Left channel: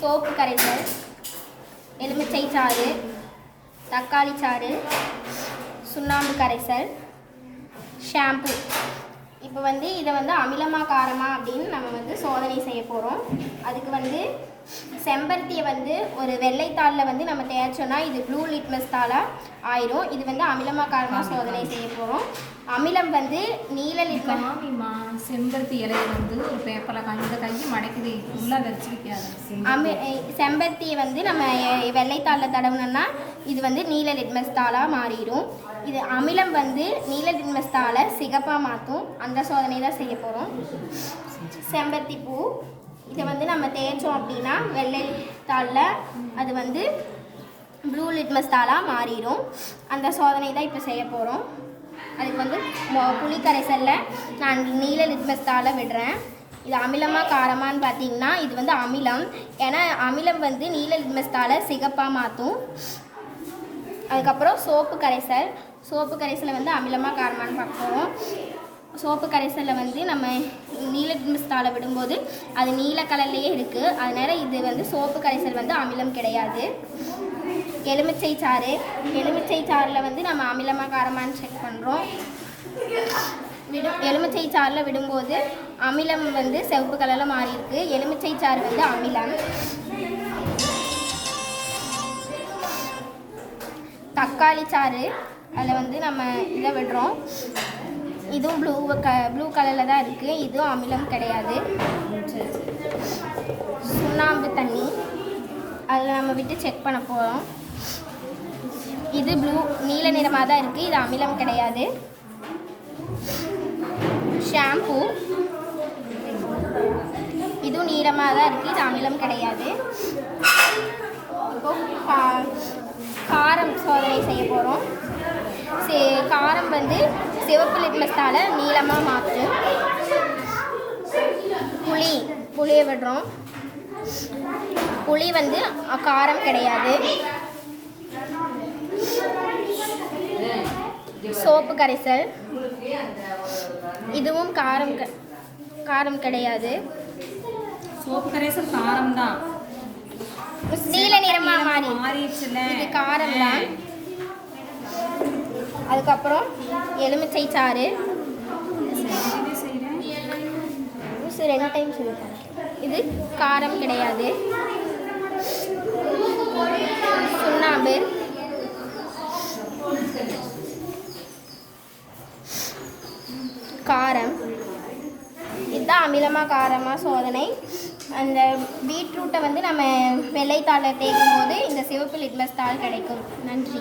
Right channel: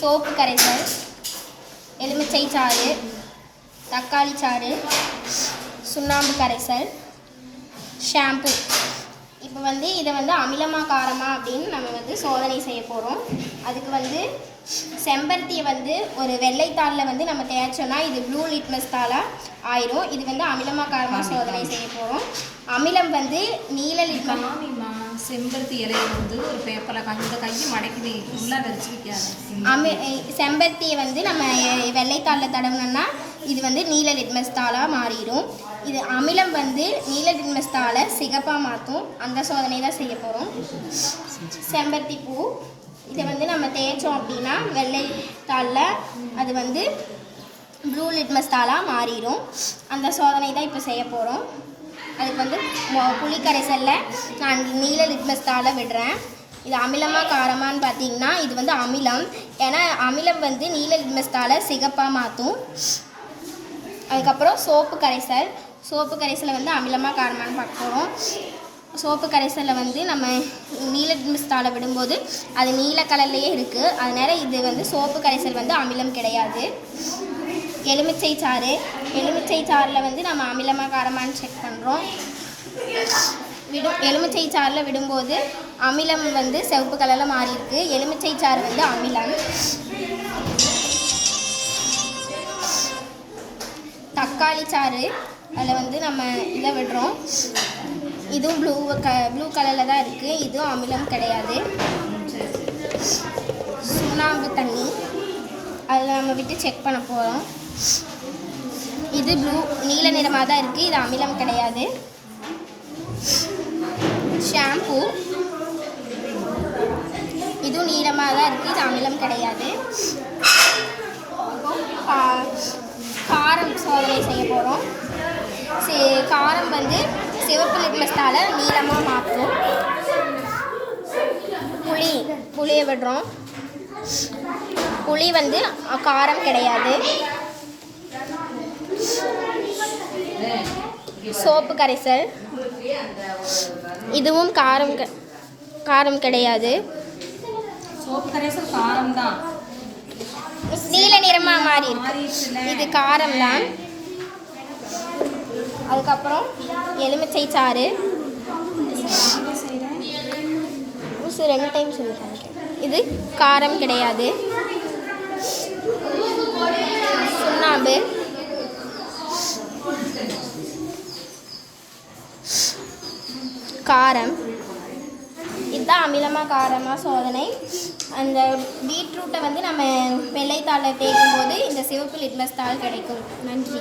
Soap கரைசல் எலுமிச்சை சாறு தக்காளி சாறு சுண்ணாம்பு கரைசல் ஷாம்பு. இப்போ வந்து இதை வந்து அமிலமாக காரமாக அப்படின்னு நம்ம வந்து சோதனை செய்ய போகிறோம் அதுக்கு வந்து செம்பருத்தியை வந்து ஒரு வெள்ளைத்தாளில் வந்து நம்ம தேய்ச்சோன்னா இது ப்ளூ லிட்மஸ் தாளாக ஆயிரும். இது வந்து அமிலமா காரமாக சோதனை செய்ய போகிறோம் அமிலம் வந்து நீல லிட்மஸ் காமிமா செம்பருத்தி இலையை வந்து ஒரு பேப்பரில் காஞ்சி இந்த கையை மடக்குது உள்ளே வச்சு வைக்காத அமி செம்பருத்தியை வந்து நம்ம வெள்ளைத்தாளில் தடவினோம்னா இது வந்து நீல லிட்மஸ் தாளாக மாறிடும். இது அமிலம் வந்து நீல லிட்மஸ் தாளை சிகப்பாக மாற்றும் அந்த சோதனை தான் செய்ய போகிறோம் செம்பருத்தி பூ. இதை வந்து நம்ம தேய்ச்சோம் அப்படின்னா வெள்ளை தாளில் அது வந்து ப்ளூ லிட்மஸ் தாளாக மாறிடும் அந்த சோதனை தான் இப்போ செய்ய போகிறோம் அதுக்கு வந்து மொ- புளி கரைசலில் நான் நீல லிட்மஸ் தாளை விடுறேன். இது அமிலமாக காரமான்னு பார்த்தீங்கன்னா இது வந்து அமிலம். ஏன்னா அமிலம் வந்து நீல லிட்மஸ் தாளை சிகப்பாக மாற்றும் அதுக்கப்புறம் சோப்பு கரைசல். சோப்பு கரைசலை வந்து அமிலமாக காரமான்னு பார்க்க போகிறோம் சோப்பு கரைசலில் வந்து நம்ம நீல லிட்மஸ் விடும்போது அது நீல கலர்லேயே இருக்குது அதனால் இது வந்து சோப்பு கரைசல் வந்து அமிலம் கிடையாது. எலுமிச்சை சாறு. எலுமிச்சை சாறில் வந்து நம்ம அமிலமாக காரமானு செக் பண்ணுறோம் விடும் எலுமிச்சை சாறில் விடும்போது அமிலம் வந்து சிவப்பு கலரில் மாறி இருக்கு. எலுமிச்சை சாறு வந்து அமிலம். தக்காளி சாறு. அதில் வந்து நம்ம இதை விடுறோம். இதுவும் ப்ளூ க ப்ளூ கலரில் தான் இருக்குது இதுவும் அமிலம் கிடையாது. சுண்ணாம்பு தண்ணி. அதில் நம்ம விட்டு செக் பண்ண போகிறோம் இது ப்ளூ நீல நிறமாக தான் இருக்குது இது அமிலம் கிடையாது. ஷாம்பு இதுவும் நீளமாக தான் இருக்குது இது அமிலம் கிடையாது. இப்போ கா- காரம் சோதனை செய்ய போகிறோம் சே காரம் வந்து சிவப்பு லிட்மஸ்டால நீளமாக மாற்றும். புளி புளியை விடுறோம். புளி வந்து காரம் கிடையாது. சோப்பு கரைசல். இதுவும் காரம் காரம் கிடையாது. சோப்பு கரைசல் காரம் தான் நீல நிறமா மாறி இது காரம் தான் அதுக்கப்புறம் எலுமிச்சை சாறு. லூசு ரெண்டு டைம் சொல்லிட்டாங்க இது காரம் கிடையாது. சுண்ணாம்பு. காரம். இதுதான் அமிலமாக காரமாக சோதனை. அந்த பீட்ரூட்டை வந்து நம்ம வெள்ளைத்தாளை தேய்க்கும் போது இந்த சிவப்பு லிட்லஸ் தாள் கிடைக்கும். நன்றி.